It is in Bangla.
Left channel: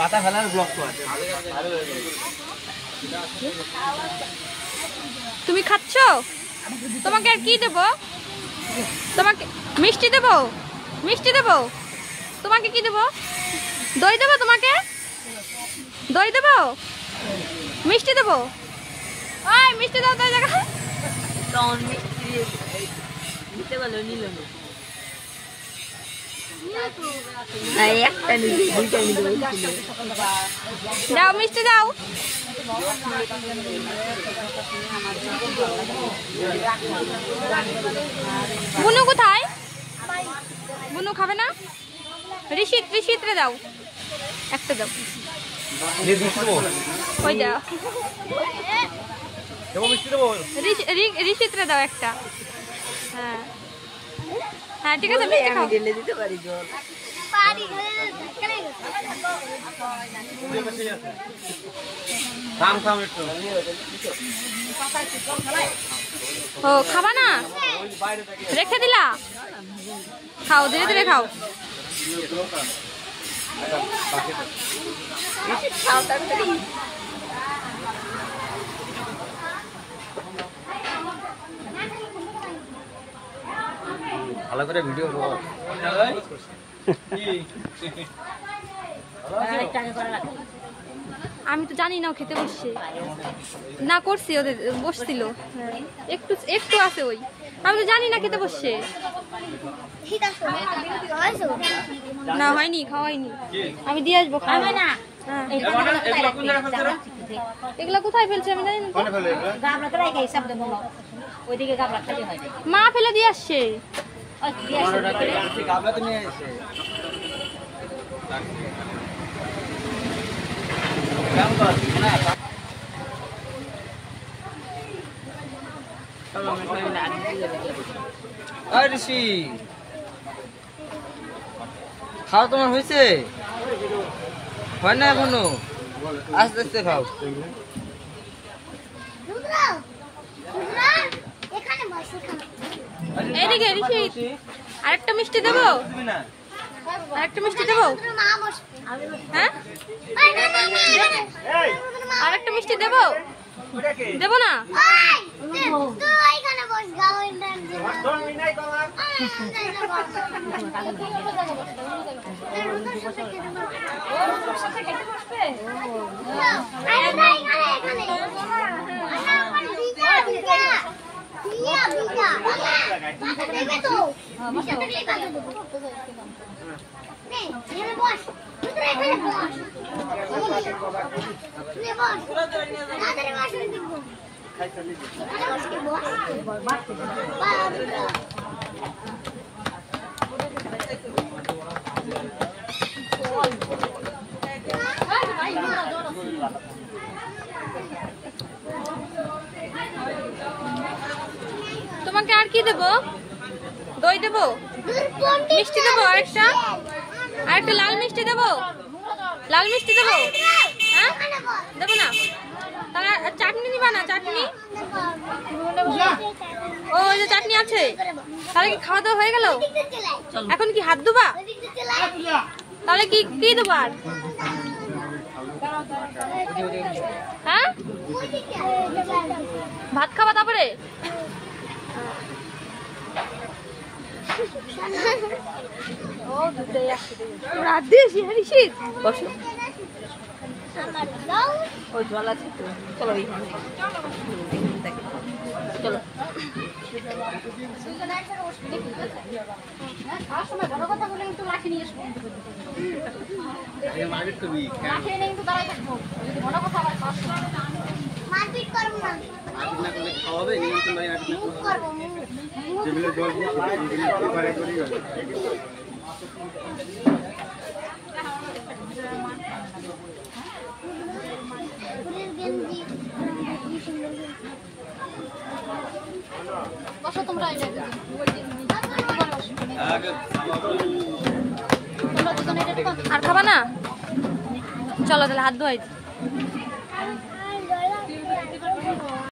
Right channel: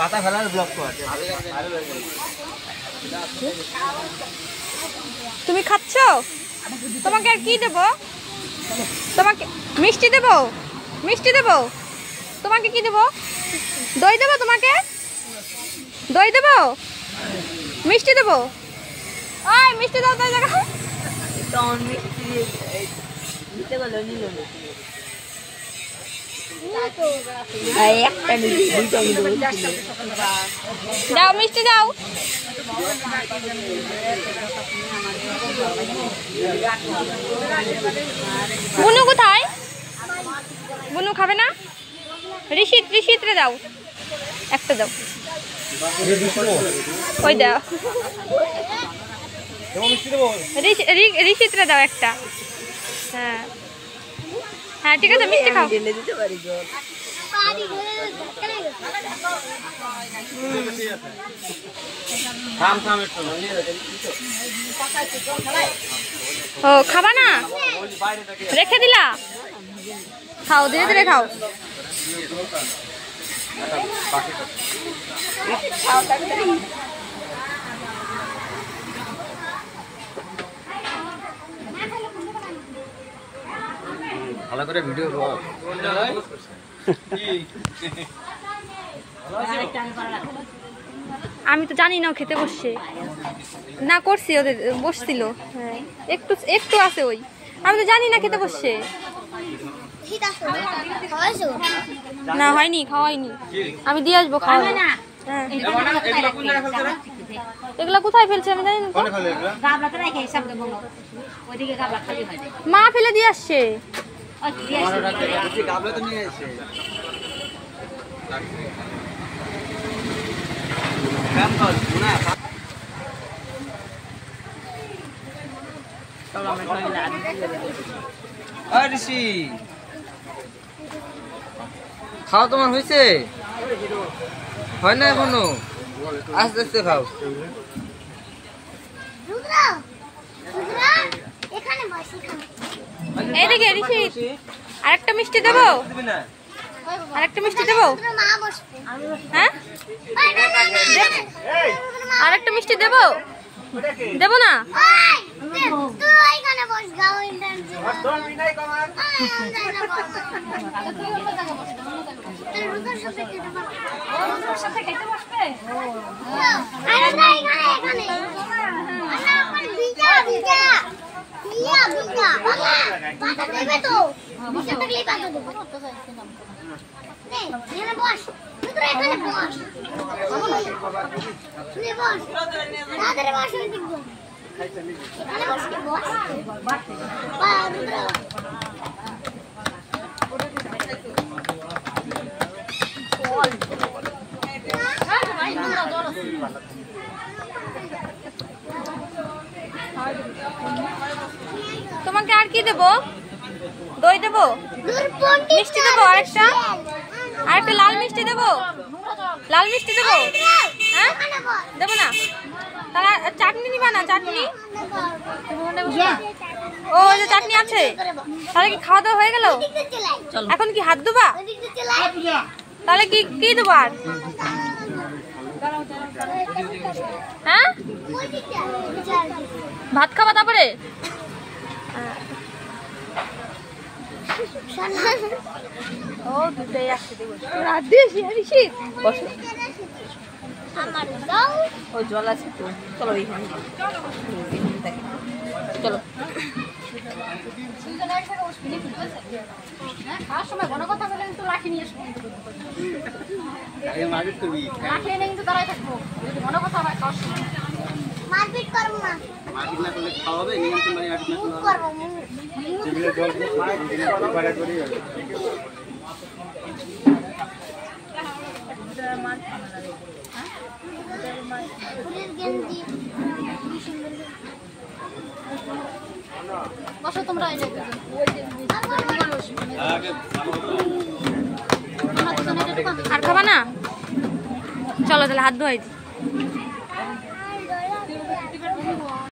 পাতা ফেলার ব্লক কর। তুমি খাচ্ছ? তোমাকে আর কি দেব? তোমাকে মিষ্টি দেব? মিষ্টি দেব? তোমাকে কি দেব? দই দেব তোমাকে? দই দেব? মিষ্টি দেব? ওই মিষ্টি দাও তো জায়গায়। দাও মিষ্টি দাও। বুনু কোথায়? বুনু খাবে না? ঋষিত রে দাও একটা দাও। ওই দাও ঋষিত রে দাও একটা। হ্যাঁ হ্যাঁ ঠিক আছে মিষ্টি খাও। ও খাবা না? রেখে দিলা? খাও ধীরে ধীরে খাও। ভালো করে ভিডিও করো। আমি তো জানি না ও খেতে বসছে না, করছি ওদের বসছিল। হ্যাঁ একটু একটু আছে ওই, আমি তো জানি না খেতে বসছে না। হয়নি, খাওয়াইনি, আমি দিয়ে আসবো। খাওয়া না। হ্যাঁ এগুলা কোথায় ফেলছে আমি জানি না। মা ফেলে দিয়ে আসছে। খাও তোমার হয়েছে? হয় না এখনো? আস্তে আস্তে খাও। এইদিকে ঋষিত আরেকটা মিষ্টি দেবো? আরেকটা মিষ্টি দেবো? হ্যাঁ আরেকটা মিষ্টি দেবো? দেবো না? তোমাকে আর কি দেবো? দই দেবো? মিষ্টি দেবো? আরেকটা লাল মিষ্টি দেবো? লাল মিষ্টি দেবো? হ্যাঁ দেবো না? তাহলে চাটনি নিবা না? চাটনি ও যে চাটনি আছে। তাহলে কি খাওয়া দাওয়া হয়ে গেল? এখন কি হাত ধোবা? তাহলে কি কি দেবো আর? হ্যাঁ ভাত খাবা তারপরে? ও দুটোই আসছে রাত দিয়েছি। ঋষিত বসো, ও জল আছে তো। চলো চলো বসো তোমরা। আর খাবা না? চলো তাহলে হাত ধোয়াই।